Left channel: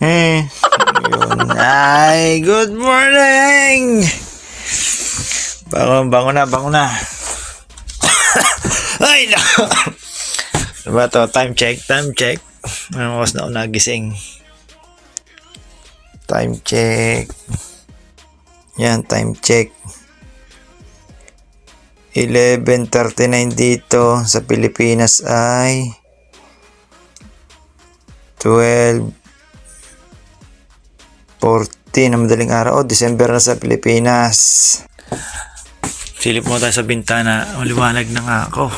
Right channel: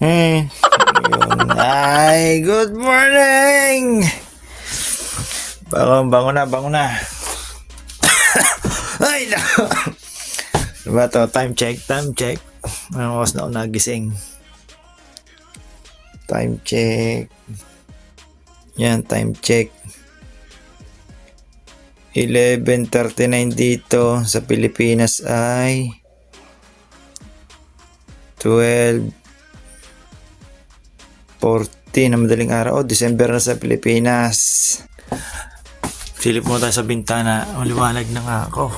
Eh, yun. Ay, good morning! Bangon, bangon na, bangon na. Ay, na! Diba to? Time check, time check. Anong oras na ako nagising? Time check. Yan, time check. 11.39 dito sa Pilipinas ay 12 14 ang madaling araw. Oh, December na sa Pilipinas. Silip mo tayo sa bintana. Maliwanag na nga ako.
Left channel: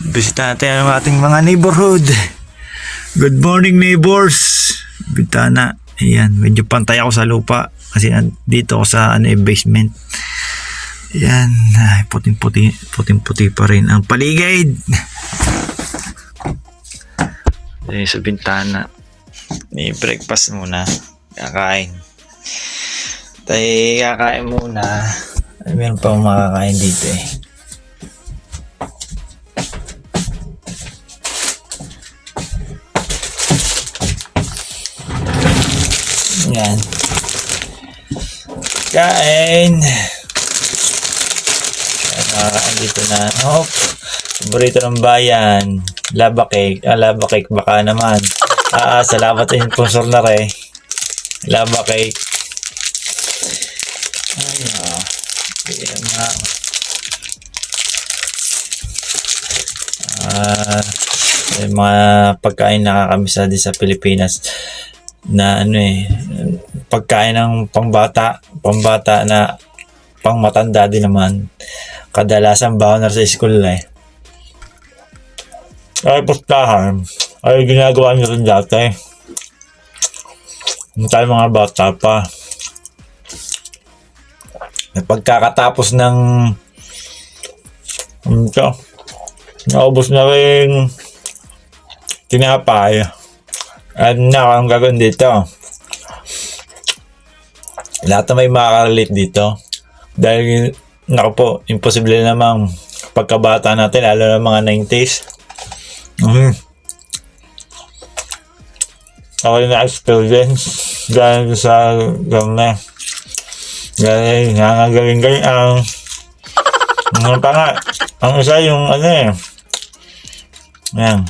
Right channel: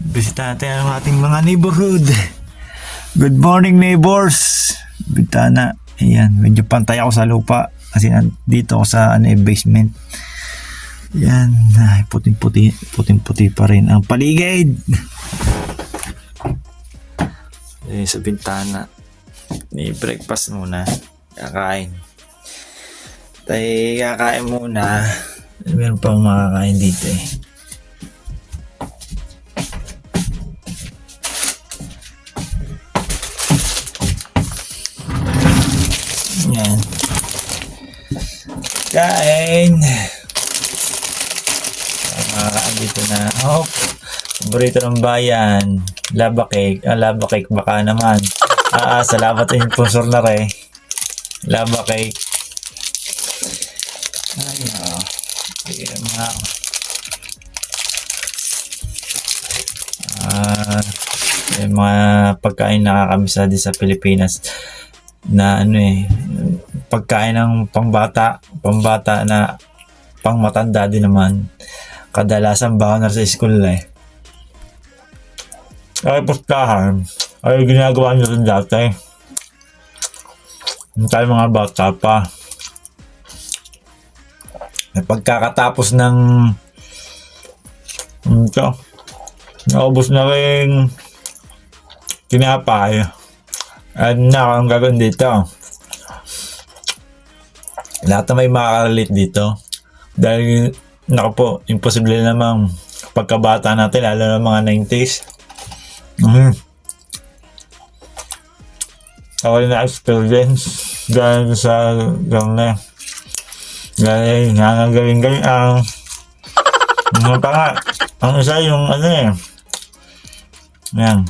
Bisita natin ang ating mga neighborhood. Good morning neighbors. Bintana. Ayan, medyo pantay ako sa lupa. Kasi dito ako sa ano, basement. Ayan, ay, puting-puti, puting-puti pa rin ang paligid. Ayan, sa bintana. Ni breakfast muna. Kakain. Tayo kakain muna. Ay, meron pa makakain dito eh. Yan. Kain. Ah, andito na. Oh, paborito ng bayan. Lava cake. Ah, lava cake baka naman. Ah, ah, salamat sa sponsor na rin. Lava cake. Ay, no. Ayan na. Ah, may mga pagkain nakakamiss din sa Pilipinas na ano eh pagkain ng pangbata pangbata na pangmatanda din naman kadalasan baon na sa school eh ay pustahan ay ginagawa nyo rin dati Nung tayo mga bata pa. Na pagkakatapos ng ito naubos na rin tinapay. At na ang gagawin dito. Lahat na may makarelate dito. Dahil naku po imposible namang pagkabata natin lalo na mga 90s mm. Ako na experience dahil sa gana dahil nangagaling galing ang ano pa nga ang isa yung ano eh yan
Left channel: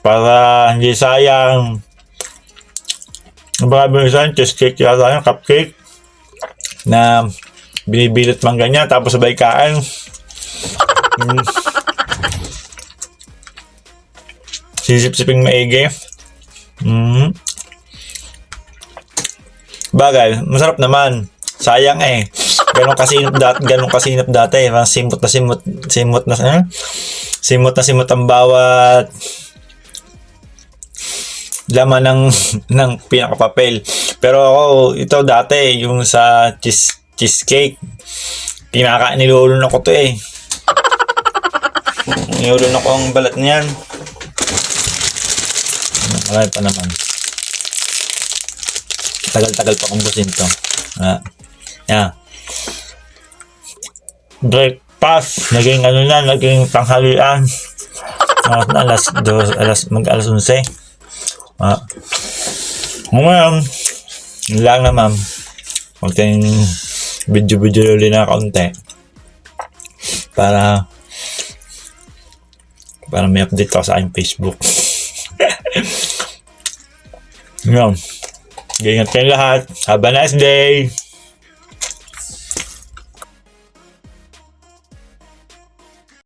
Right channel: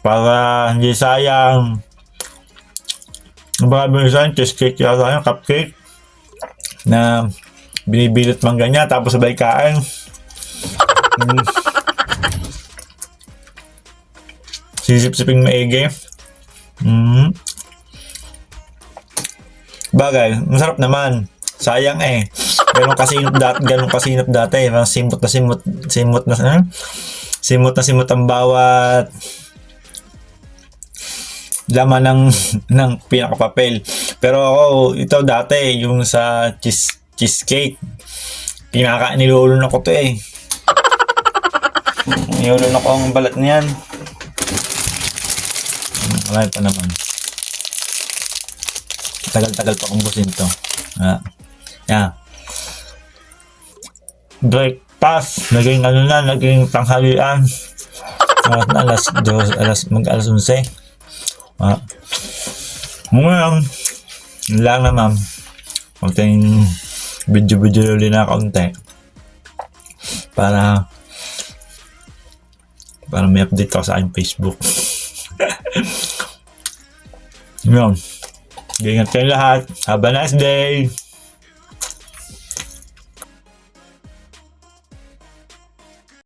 para hindi sayang Marami yung cheesecake yata yung cupcake na binibilot man ganyan tapos sabay kain. Mm. Sisip-siping maigi. Mm. Bagay, masarap naman. Sayang eh. Ganon kasinop dati, ganon kasinop dati. Mga simot na simot, simot na, eh? simot na simot ang bawat laman ng ng pinakapapel. Pero ako ito dati yung sa cheese cheesecake. Pinaka nilulunok ko to eh. Nilulunok ko ang balat niyan. Marami pa naman. Tagal-tagal pa kong busin to. Ah. Yeah. Breakfast. Naging ano na, naging tanghalian. Ah, alas, dos, alas, mag alas 11. Ah. Ngayon, lang na ma'am. Konting video-video ulit na kaunti. Para para may update ako sa aking Facebook. Yun. Ingat kayong lahat. Have a nice day.